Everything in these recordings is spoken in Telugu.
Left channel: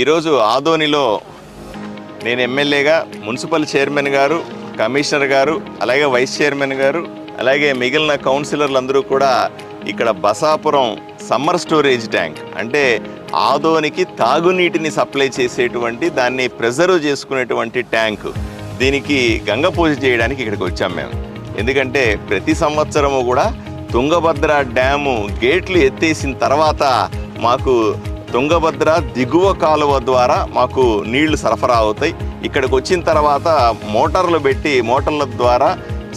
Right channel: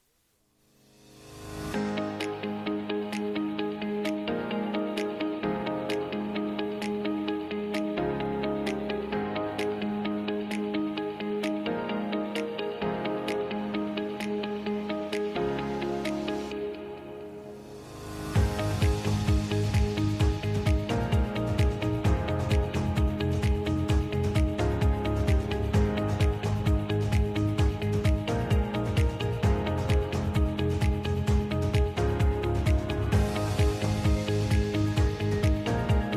ఈరోజు ఆదోనిలో నేను ఎమ్మెల్యేగా మున్సిపల్ చైర్మన్ గారు, కమిషనర్ గారు, అలాగే వైస్ చైర్మన్ గారు, అలాగే మిగిలిన కౌన్సిలర్లు అందరూ కూడా ఇక్కడ బసాపురం సమ్మర్ స్టోరేజ్ ట్యాంక్ అంటే ఆదోనికి తాగునీటిని సప్లై చేసేటువంటి దాన్ని ప్రిజర్వ్ చేసుకునేటువంటి ట్యాంకు దీనికి గంగ పూజ చేయడానికి ఇక్కడికి వచ్చాం మేము. ఎందుకంటే ప్రతి సంవత్సరము కూడా తుంగభద్ర డ్యాము గేట్లు ఎత్తేసిన తర్వాత మాకు తుంగభద్ర దిగువ కాలువ ద్వారా మాకు నీళ్లు సరఫరా అవుతాయి. ఇక్కడికి వచ్చిన తర్వాత మోటార్లు పెట్టి మోటార్ల ద్వారా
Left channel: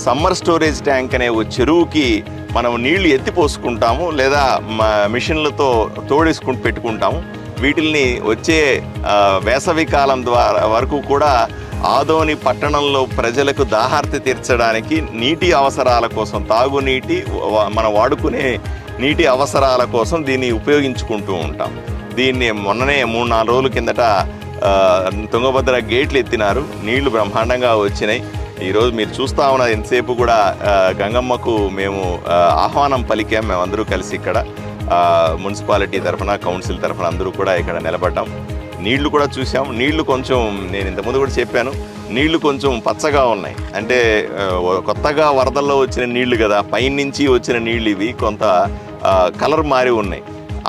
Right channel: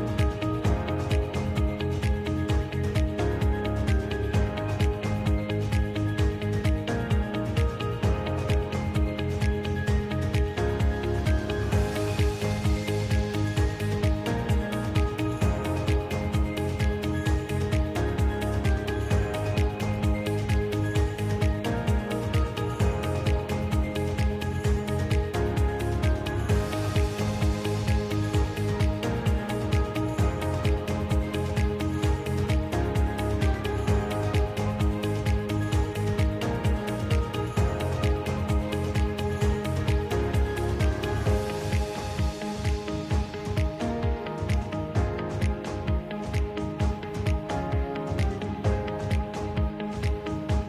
సమ్మర్ స్టోరేజ్ ట్యాంక్ అనే చెరువుకి మనం నీళ్లు ఎత్తిపోసుకుంటాము, లేదా మిషన్లతో తోడేసుకుంటూ పెట్టుకుంటాము. వీటిల్ని వచ్చే వేసవి కాలం ద్వారా వరకు కూడా ఆదోని పట్టణంలో ప్రజలకు దాహార్తి తీర్చడానికి నీటి అవసరాల కోసం, తాగునీటి మనం వాడుకునే నీటి అవసరాల కోసం దీన్ని ఉపయోగించుకుంటూ ఉంటాం. దీన్ని మొన్ననే 3-4 రోజుల కిందట తుంగభద్ర గేట్లు ఎత్తినారు, నీళ్లు బ్రహ్మాండంగా వచ్చినాయి. ఈరోజు మీరు చూస్తూ ఉన్నది ఎంతసేపు కూడా గంగమ్మకు మేము ఆహ్వానం పలికాం. మేమందరూ కలిసి ఇక్కడ మున్సిపాలిటీ తరఫున, కౌన్సిల్ తరఫున అందరూ కూడా ఇక్కడ నిలబడ్డాం. నీళ్లు కూడా చూసాం. నీళ్లు కొంచెం, నేను ఇంతకుముందు కూడా చెప్పాను, నీళ్లు కొంచెం పచ్చగా ఉన్నాయి. అంటే కొత్తగా వరదల్లో వచ్చిన నీళ్లు కదా, పైనుంచి వచ్చిన నీళ్ళు ఇవి కొంత కలర్ మారి ఉన్నాయి.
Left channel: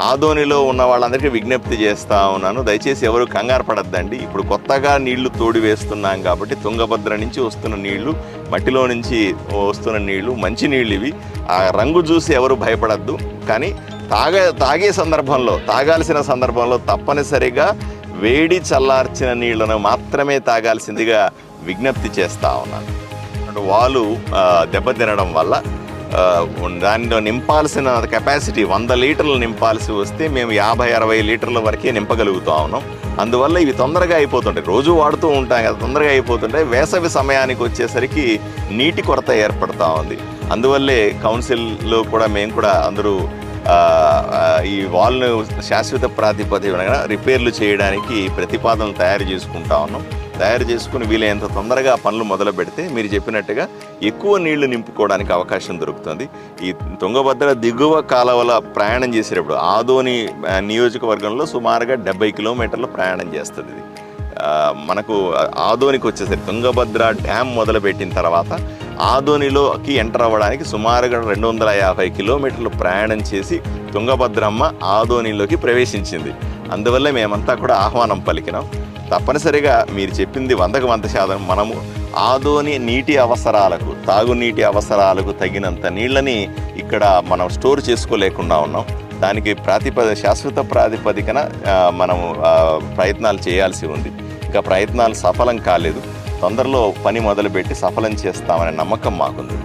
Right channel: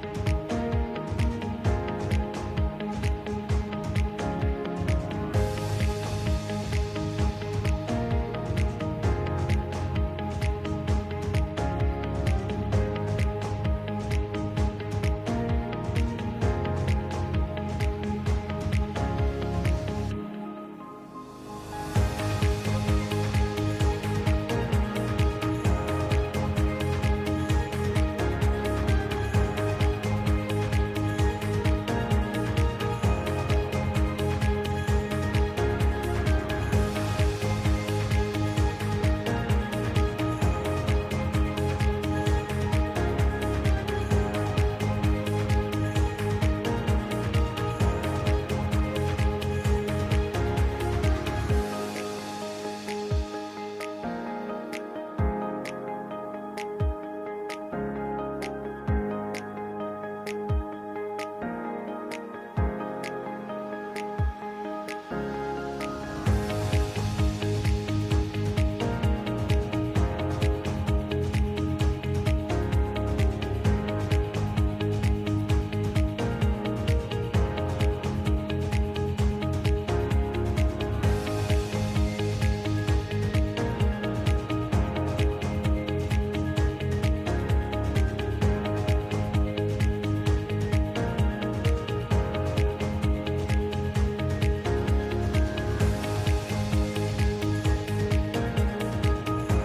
ఆదోనిలో ఉన్న వాళ్ళందరికీ విజ్ఞప్తి చేస్తూ ఉన్నాను, దయచేసి ఎవరు కంగారు పడద్దండి. ఇప్పుడు కొత్తగా నీళ్లు తోడి వేస్తున్నాం కాబట్టి తుంగభద్ర నుంచి వస్తున్న నీళ్లు, మట్టిలో నుంచి వస్తున్న నీళ్లు మంచి నీళ్ళు ఇవి. ఆ రంగు చూసి ఎవరు భయపడద్దు. కానీ తాగే సందర్భంలో, తాగాల్సిన సందర్భంలో తప్పనిసరిగా వేడి చల్లార్చిన నీళ్లను మాత్రమే తాగాల్సిందిగా విజ్ఞప్తి చేస్తూ ఉన్నాను. వాళ్ళు దెబ్బతినడం వల్ల దానిలో నింపాల్సిన కెపాసిటీ 100 లీటర్లు నింపాల్సి వస్తే మేము 50-60 లీటర్ల వరకే నింపగలుగుతూ ఉన్నాం. అందువల్ల ఇవి తొందరగా అయిపోతుంటాయి. రోజు వాడుతూ ఉంటాం కదా, తొందరగా అయిపోతుంటాయి. వేసవి సమయానికి వచ్చేసరికి నీటి కొరత ఏర్పడుతూ ఉంది. అందువల్లే కౌన్సిల్లో కూడా మేము కూడా అందరూ ఈ వాల్ను శాశ్వత ప్రాతిపదికన రిపేర్లు చేయడానికి ప్రతిపాదనలు తయారు చేసుకుంటా ఉన్నాం. తయారు చేసుకుని వీలైనంత తొందరగా పనులు మొదలు పెడితే మీరు చెప్పినట్టుగా ఎక్కువ నీళ్లు నింపుకోవడానికి అవకాశం దొరుకుతుంది. ఈ తుంగభద్ర దిగువ కాలువల ప్రయాణం చేసేటప్పుడు ఆదోని నియోజకవర్గంలో సుమారుగా 70 కిలోమీటర్లు ప్రయాణం చేస్తుంది. మనకు ఆదోనికి వచ్చేసరికి తుంగభద్ర డ్యామ్ మొదలుపెట్టిన తర్వాత ఆదోనిలోకి ఎంటర్ అవ్వడానికి సుమారుగా 250 కిలోమీటర్లు ప్రయాణం చేసి తుంగభద్రమ్మ ఆదోనిలోకి ప్రవేశించింది. అందువల్ల మేమంతా కూడా ఆహ్వానం పలికినాం. తప్పనిసరిగా మీరు చెప్పింది 100% మనము ఆదోని నీటి అవసరాలకు, తాగునీటి అవసరాలకు తగినంత నీళ్ళని ఇక్కడ మనం స్టోర్ చేసుకోలేకుండా ఉన్నాం. దానికి శాశ్వత ప్రాతిపదికన మనము ప్రయత్నాలు చేయాల్సి ఉంది. ఇక ప్రయత్నాలు సఫలం కాలేదు. తొందరలో పని మొదలుపెట్టి సఫలం చేస్తామనే నమ్మకం మాకుంది.